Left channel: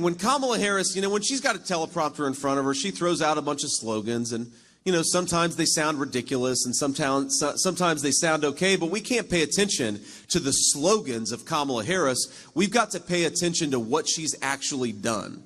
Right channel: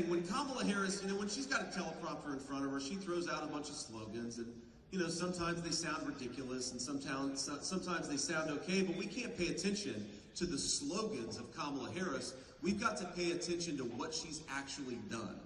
When Kamala Harris, when she's got a teleprompter in front of her, she throws out a bunch of slogans, and sometimes they sound ridiculous and sometimes they sound okay, but we can't pay attention to the slogans of Kamala Harris. We've got to pay attention to what she's actually done.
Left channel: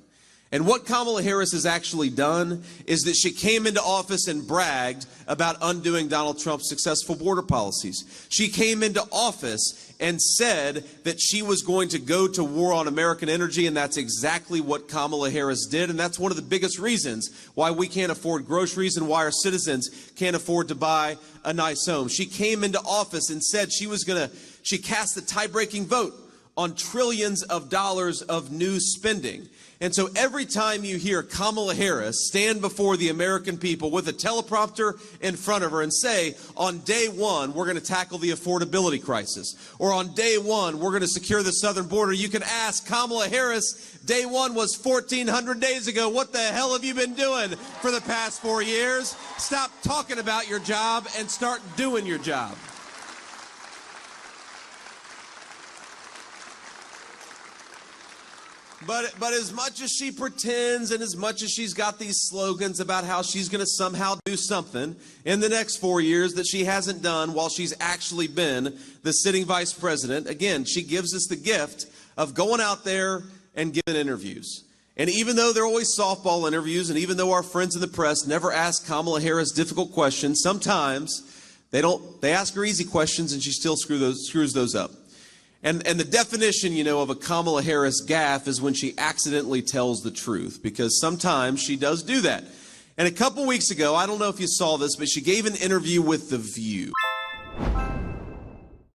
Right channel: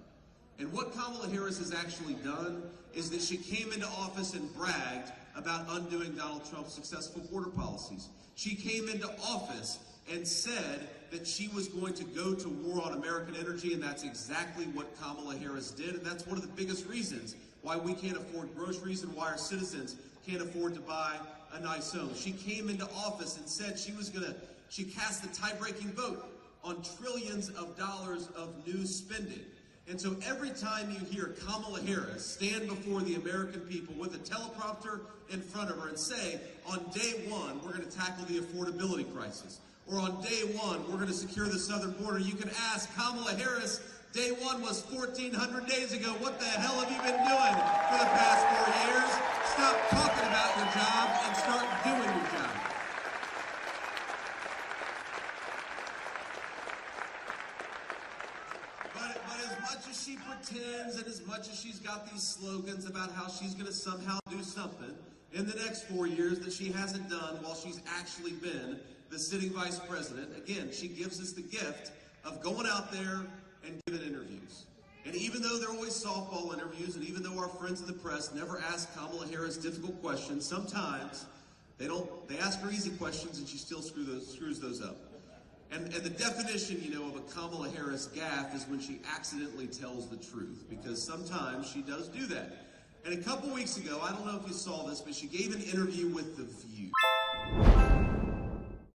And what Kamala Harris has actually done is that she came into office and bragged about undoing Donald Trump's successful border policies. She came into office and said that she was going to go to war on American energy, and that's exactly what Kamala Harris did, and that's one of the biggest reasons why we can't afford groceries and why our citizens can't afford to buy a nice home. She came into office and said she cast a tie-breaking vote on trillions of dollars of new spending. And so every time you hear Kamala Harris stand before the American people with a teleprompter in front of her and say, on day one, we're going to tackle the affordability crisis, or on day one, we're going to secure the southern border, you can ask Kamala Harris, day one was 1,400 days ago. What the hell have you been doing for the past 4 years? Stop talking about your job and start doing your job. But as much as she pretends and as much as she's got these slogans about how she's going to somehow do something in the next 4 years that she hasn't done while she's actually been the sitting vice president, again, she gives us the gift of going out there and giving interviews. And even though they're always softball interviews, and even though our friends in the press never ask Kamala Harris difficult questions, sometimes they ask her easy questions and she still screws those up. And the definition, of a Kamala Harris gaffe is when she accidentally tells the truth, because sometimes she does do that. And a couple weeks ago, I don't know if you saw this, but she gave an interview with The View.